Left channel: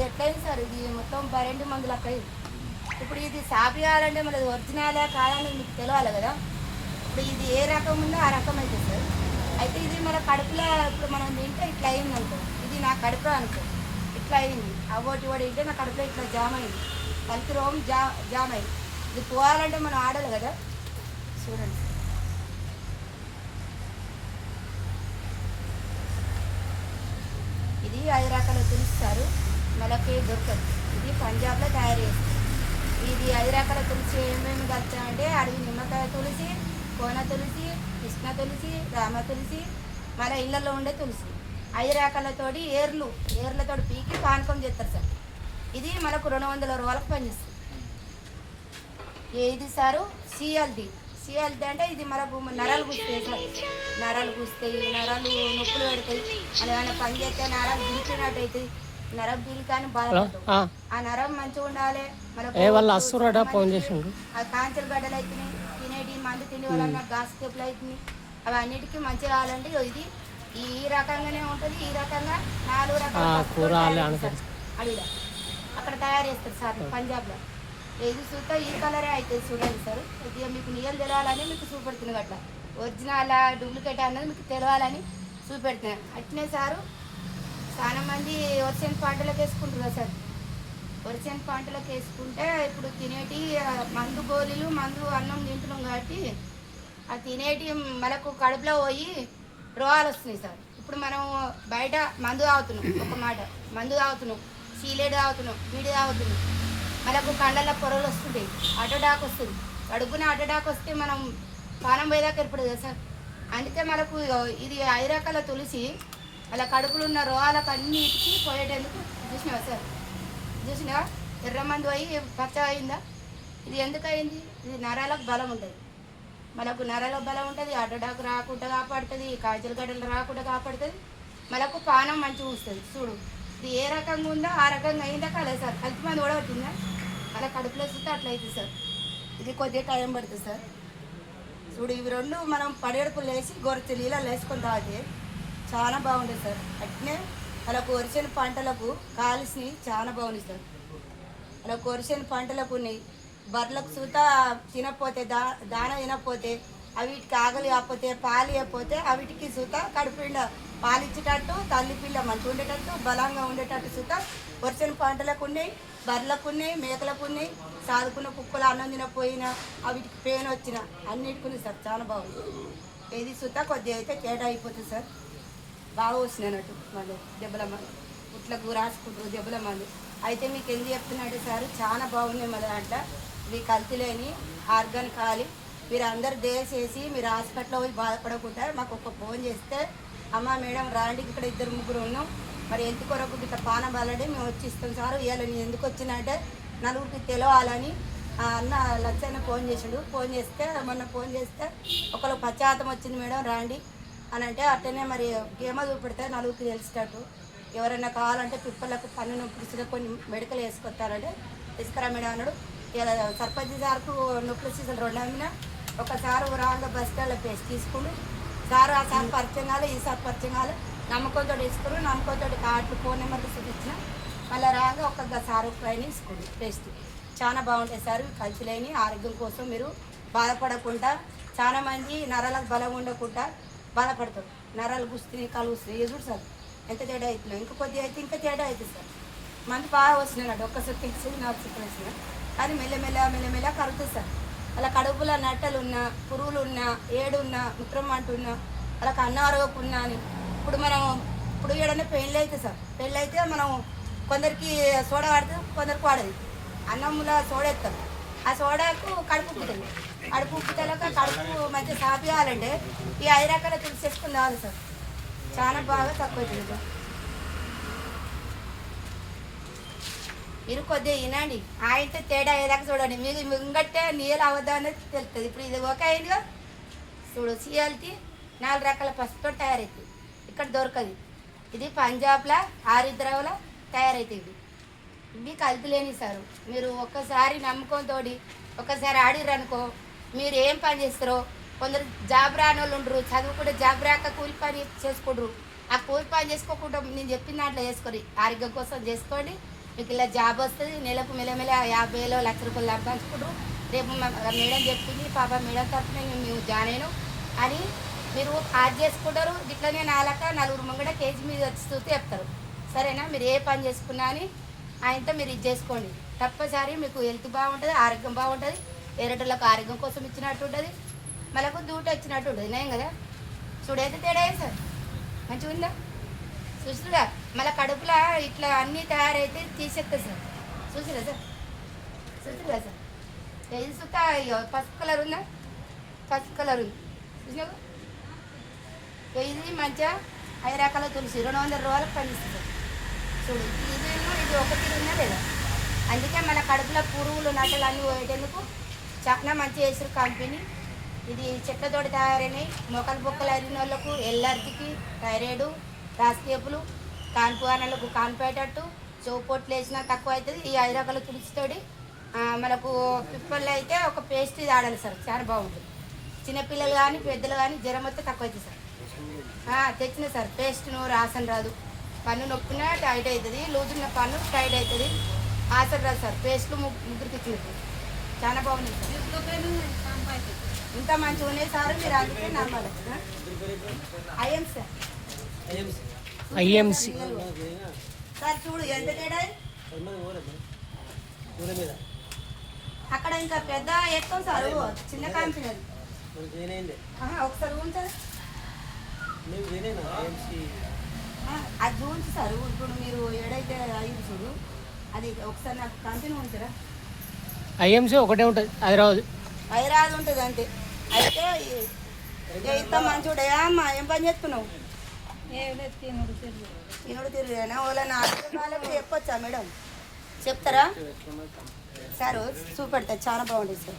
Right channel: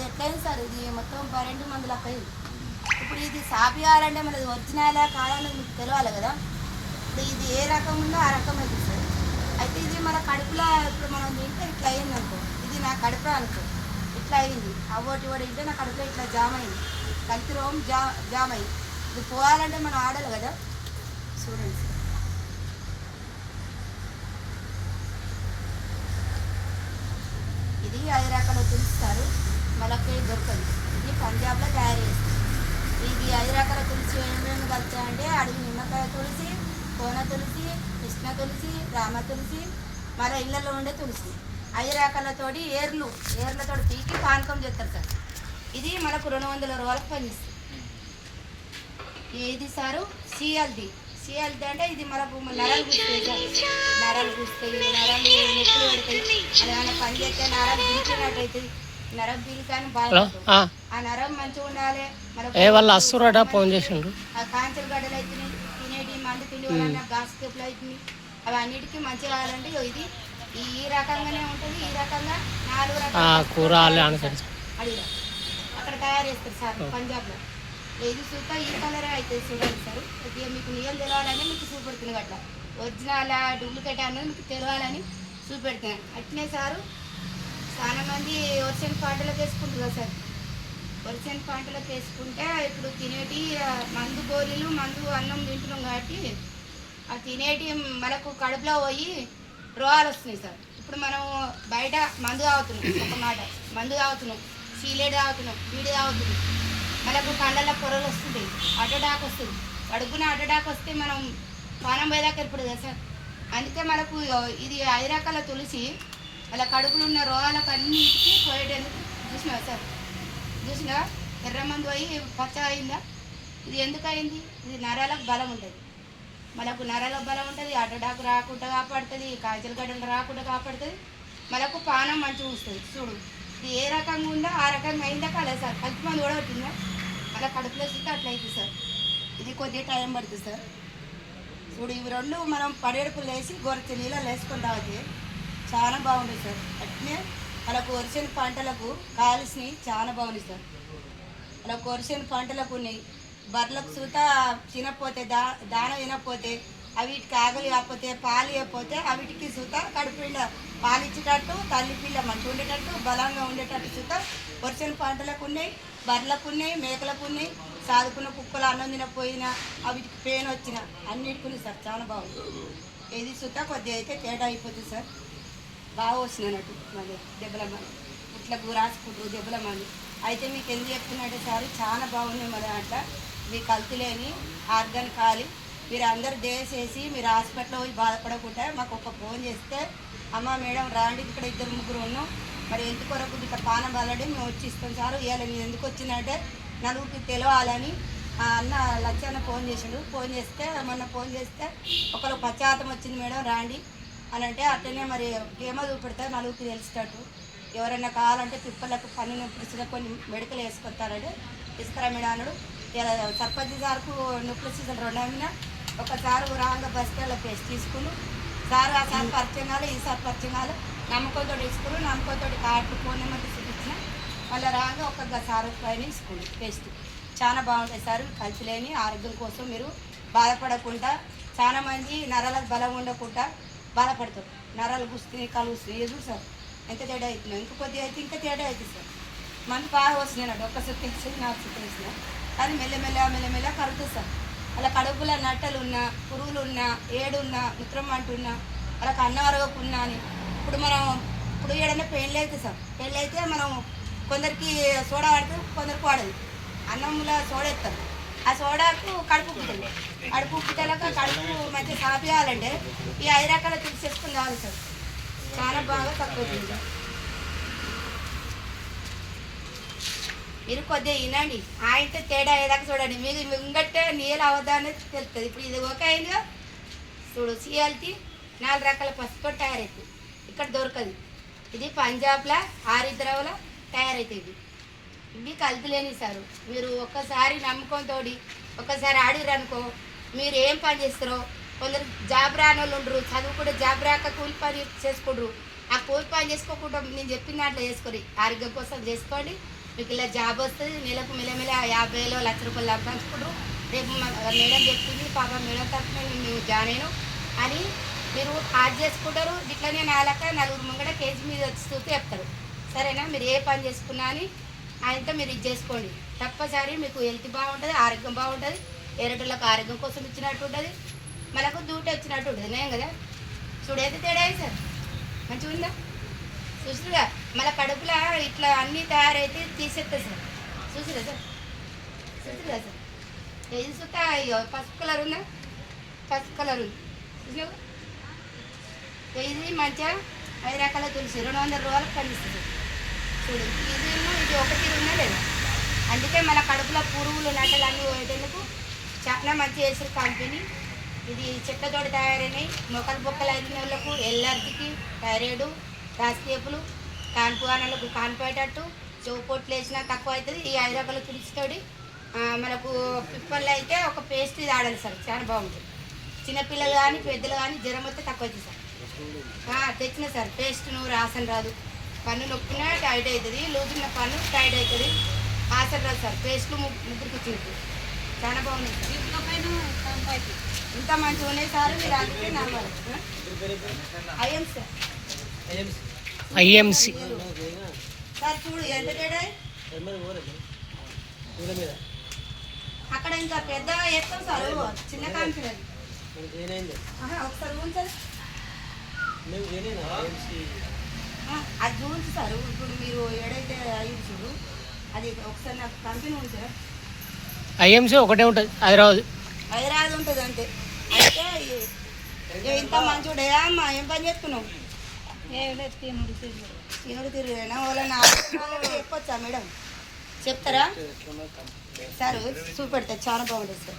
అది ఎట్లయింది సార్, ఇది మొత్తం 2 మందులు అక్కయ్యి. ఇప్పుడు ఇది సాపి కావాలంటే మనది ఒరిజినలా కావాలని మీకు తెలియాలి కదా. ఇప్పుడు ఇది ఏ రకం ఉందో ఆ రకం అయితే సార్. అయితే ఇది మన కడుపులో ఇప్పుడు మనం తింటే ఇట్లా అయింది అనుకో, ఇది నా కడుపులో అనుకో ఇట్లా అయింది, అవోటి ఓడి తింటే నా కడుపులో ఇట్లా జామ్ అయింది, కలిసి రోగం జామ్ అయింది. ఇది పోవాలంటే మనం ఆడాలి కదా. చూడండి సార్, ఇది 5 రకాల తులసిస్తారు, మనకి దొరకదు. ఇది పంజాబ్లో తయారు చేస్తారు. ఇది 5 రకాల తులసి ఏమేమి కలిసామంటే అడవి నిమ్మకాయ తులసి, కోన తులసి, కృష్ణ తులసి, రామ తులసి, మన ఇళ్ళల్లో ఉండే తులసి. 5 రకాలతోటి ఏర్లతోటి పీకి పానకం చేస్తారు సార్. ఇది మనకు 200 రోజులకు పనిచేస్తుంది. ఏది సారు సిఎల్డి అంటే ఇది మనకు నరాలు గుస్తాయి సార్. నరాలు గుస్తాయి, నరాలు నొప్పులు పెడతాయి, అది ఏమైనా పని చేస్తే నరాలు బిరికినట్టు అవుతుంది. నరం బిరికాని బాగా ఆ నరం మంచిగా ఉండాలి. మనకు ఫోన్ చేసిండు కాంచెల గడ్డలు అవుతున్నాయి, తినేటి మంది తినే వాళ్ళ గాస్ కేపులు అవుతుంది. అవి అన్నిటికీ మంచిగా కావాలంటే ఇది ఈ రకంగానే ఉంటుంది. ఈ రకంగా 4 రకాల అడిగా అక్కడ తయారు చేస్తారు సార్ పంజాబ్లో. ఇది సూపర్, ఈ కలరే అవుతుంది చూడండి సార్. ఇది మీకు నియం తెలవాలని మీకు చూపెడుతుంది అట్లా, ఒరిజినల్ డూప్లికేట్ అన్నది మీకు తెలవాలని చూపెడుతున్నాను. అట్నే సారు చాలా మంది ఒరిజినల్ పంటలకు వేసుకుంటున్నారు సార్. ఒరిజినల్ పంటలకు వేసుకుంటే ఇప్పుడు తినేటి మందు గోళీలు మందు అన్నం తింటున్నాం కాబట్టి ఆ తినేటి మనకు కడుపులో పోయి రోగాలు వస్తున్నాయి సార్. ఇప్పుడు మనం బయట మందు తాగుతున్నాం, ఒక మాట మందు తాగుతున్నాం, సీలేడు తాగుతున్నాం, వీడి తాగుతున్నాం, మనకు కండల పొరలు వస్తుంటాయి, అటడాక్ వస్తుంది. కడుపున అటడాక్ వస్తే మనం పానం పోయేదాకా ఏర్పడదు కదా సార్. అందుకే మనకు ఇది 5 రకాల తులసి అలా కడుపులో ఉన్న రోగాలకు అన్నిటికీ పోయేటందుకు చూసినావా సార్. చూసినావా ఎర్రమంది పోయి పచ్చగా అయిందా. ఇది ఎందుకు అయింది, ఇది నరాలకు బలం ఉంటుంది. మనకు నరాలకు బలం ఉంటుంది, అటడాకు రాకుండా కాపాడుతుంది, కాంచెల గడ్డలు రాకుండా కాపాడుతుంది, మనకు పానం మంచిగా వస్తుంది. చూడు ఇది ఏ రకంగా ఉందో ఆ రకంగా అయిందా కాలేదు సార్. కలుపు మంది కూడా పట్టిందా అలా కడుపులో వస్తే అట్లా అవుతుంది సార్. ఇది కొద్దిగా టైం పడుతుంది సార్. చూడు ఇవి 2 మనం పడేడుపులు వేసి గొరచె నీళ్ళలో వేసుకొని తాగితే చాలా బాగుంటుంది సార్. అట్నే వాళ్ళకు వరిసిన పంటలకు కాల్సి చాలా బాగుంది సార్. వాళ్ళకు వరిసిన పంటలకు ఉన్నాయి. బర్రెలకు సూత తినకపోతే దాన తినకపోతే అవిటికి ఆకలి కాకపోతే పాలు ఇవ్వకపోతే అవిటికి సూత కడుపుండ పాలు ఇచ్చేటట్టు తల్లి పిల్ల మంచిగా ఉండేటట్టు బలంగా ఉండేటట్టు సూత వరిసిన పంటలకు ఉన్నాయి, బర్రెలకు ఉన్నాయి, మేకలకు ఉన్నాయి. సాదుకున్న కుక్కలు అన్నం తినపోయినా అవిటికి పెయిన్ వచ్చిన అన్నిటికి ఉంది సార్. చాలా బాగుంది. ఏది సూత కొద్దిగా అయితే తేడా అయిపోతుంది సార్. బాగా వస్తున్నాయన్నట్టు మళ్ళీ దెబ్బల మంది ఇట్లా రాసుకుంటారు దెబ్బల మంది. అయితే మీకు ఎందుకు చెప్తున్నట్టే సార్ చాలా బాగుంది మళ్ళీ అంట. ఇది కల్తీ లేని ఆర్గానిక్ కాలి. మీరు అందరు దయచేసి మీరు హాస్పిటల్లో పోయి బాధపడకుండా మాకు ఒక ఫోన్ చేస్తే అమ్మ మేడం రాండి ఇక్కడ 2 3 ఉన్నాం, మరి ఎందుకు కొరకు ఇక్కడ పానం వాళ్ళడి మేము వచ్చి ఇస్తాం సార్. ఇవాళ నేను ఎందుకు వచ్చిందంటే నలుగురికి తెలవాలని అన్న లచ్చన్న ఫోన్ చేసాడు. ఫోన్ చేస్తే మొన్న ఫోన్ చేస్తే ఒకరు పశ్చాత్తం వచ్చింది మేడం రాండి అని అంటే అట్టనే మరి ఏమో చూపెడితే నలుగురికి తెలిసేటట్టు. ఎవరైనా కావాలంటే పిప్పలకు పన్ను నొప్పి కొన్ని మెడికల్ వేసుకొస్తారంటే తీసుకురా మేడం అన్నాడు. ఇలా సర్పంచ్ సార్కు నొప్పులు సీజన్ 2 అమ్మినా ఒకసారి రాగా బస్ స్టాండ్లో పేస్ట్ తీసుకుని సార్ ఆ సార్ పరిచయం కాలే, ఈ సార్ పరిచయం కాలే, నమ్మకంతో తీసుకుని నమ్మకంతో కార్డులు ఫోన్ నెంబర్ చూపించిన మళ్ళీ రాగా ఒక సార్ పైన తీసుకోండి పేస్ట్. చాలా బాగుంటుంది సార్. కలిసి లేని ఆరోగ్యం కోసం మీరు బాధపడకుండా, చాలామంది నరాలకు బలం ఉండకుండా బాధపడతారు. నరాలు గుస్తుంది, కాలు వస్తుంది. ఇది చూడు సార్ ఎంత తేడా అవుతుంది. ఇంకా కొద్దిగా అయితే ఇంకా తేడా అవుతుంది సార్. మంది బాగా వస్తున్నాయి, ఒక్క సుత్తి ఇచ్చి 4 సుత్తులు వస్తున్నాయి. అది మెల్లమెల్ల కరుగుతుంది సార్. అలా కడుపులో నట్టలు ఉన్నా, పురుగులు ఉన్నా, ఏడున్నా, ముత్రం అంటున్నా, వాళ్ళకి అన్నం అరగకున్నా అని ఇప్పుడు ఏడన్నా పెళ్ళి అయితే సార్, పెళ్ళి అయితే మనం కొందరికి సోడా వాడుతుంది, కొందరికి వాడదు. అన్నంలో సోడా ఎత్తాం, ఆ సోడాకు కడుపు ఉప్పుతుంది. కడుపు ఉప్పుతలకు కడుపు మంచిగా సాపియాలంటే ఈ 5 రకాల తులసి చేసుకుని రావాలి సార్. చాలా బాగా తక్కువ అవుతుంది సార్. మీరు కొద్దిగా వినండి, ఆయనతో తేడా అయ్యేదాకా చూడండి. మీకు ఇంకట్టే నీళ్ళు అవద్దా అనేది తెలుస్తుంది. ఇప్పుడు ఇది ఓకే అయిందిగా చూడు. సిఎల్టీ 4 రకాల పసుపుతో తయారవుతుంది, ఇక్కడ దొరకదు. ఇది పంజాబ్లో ఆరిద్రావులో తయారవుతుంది. ఇవి కలుపులేని సార్. మీరు ఒక్కసారి నమ్మకంతో ఒక్కసారి ఆడిరనుకో మీరు ఏం పని చేస్తారో. కొందరు జాబ్ రాని వాళ్ళు ఉండరు, చదువుకుంటే జాబ్ రాక కూలి పని చేసుకుంటారు. ఆ కూలి పని చేసుకోకుండా నేను చెప్పిన దాంట్లో చేసుకోండి, ఆరోగ్యం కోసం చేసుకోండి. మీకు ఇలా జాబ్ వస్తుంది, నెలకు మెల్లమెల్ల 50,000 1,00,000 రూపాయలు సంపాదించుకుంటారు. రేపు మేడం చెప్తుంది పాప మేడం తప్ప మేము జాయిన్ అయినాం అని మీరు యాడ్ చేసుకుంటారు. ఇట్లనే నాలక నలుగురు ముంగడ కేజీ మీద వచ్చి చెప్తారు. సరేనా? మీరు ఏ పని చేసుకున్నా అని ఆయనతో మీరు ఇది చేసుకోండి. తప్పనిసరి మీకు హెల్త్ బాగుంటుంది, ఆరోగ్యం బాగుంటుంది. వేరేటోళ్ళకి ఆరోగ్యం కోసం ఇచ్చినట్టు ఉంటుంది, మనకు దూట ఇచ్చినట్టు ఉంటుంది. నేను కదా చూడైతే తేడా సార్ మంచిగా ఉందా? చూసిగా మళ్ళీ కడుపులో ఇట్లా అన్నీ తయారైతే తీసేస్తుంది సార్. చూసిరా సార్? చూసిరా సార్? ఇది చూస్తా పసుపు కలర్ ఉందా? పసుపు కలర్ ఉంది చూసినా? ఇది మంచిగా 5 రకాల తులసి 200 రూపాయలకు పండిస్తుంది చూడు. ఇది ఒకటి ఉన్నా లేదా? అందుకే మన కడుపులో పురుగులు నట్టలు అన్నీ పోయేటందుకు చాలా మంచి వేసారు కంపెనీ. ఇది చెట్లతో తయారైనవి. మొక్కలు బొక్కలు అయిన వాళ్ళకు, ఎల్లర్జీకి, థైరాయిడ్, రాసికేపులు, కాన్పువానలకు కానిపోయేటట్టు, చెవుపొట్లు వేసినా తక్కువ అవుతుంది. ఈ 5 రకాల తులసితోటి మనకు పిప్పల్లో అయితే ఒక పేస్ట్ ఇది ఆడాలి సార్, చాలా బాగుంటుంది. చిన్నపిల్లలు కానీ పెద్దలు కానీ జ్వరం వస్తే తక్కువ అవుతుంది సార్. తెచ్చిన సార్ పేస్ట్ను రాసన రాదు. పన్ను నొప్పినా టైట్ అవుతుంది, లూజున్న పన్ను టైట్ అవుతుంది, ఆసన రాదు సార్. పేస్ట్లు ముగ్గురికి ఇచ్చినట్టు చాలా బాగుంది సార్. ఇంత మంచిగా ఉన్నాయి సార్. మీరు అందుకే నమ్మాలి. ఐఎంసి సార్ చూడు ఎంత తేడా. అక్కడ ఇంకా పెద్ద ఎక్కువ సార్, చిన్న కంపెనీ అది. ఒకసారి ఉంచాలి అది చూసి సార్. ఇప్పుడు మీరు ఏడైతే అయ్యింది చూడు, అది ఒకసారి నాకు కంపెనీ ఉంచారా? ఐఎంసి ఒకటే ఉంటుంది, హైదరాబాద్ ఉంటుంది అంతే. అయితే ఇంత మంచిగా అమ్మా ఏం పని చేస్తున్నావు? తినుడు తిరుగుడైనా వాళ్ళకి చెప్పొచ్చా మేడం? చెప్తారా సార్? చూపెడతా, చాలా బాగుంటుంది సార్.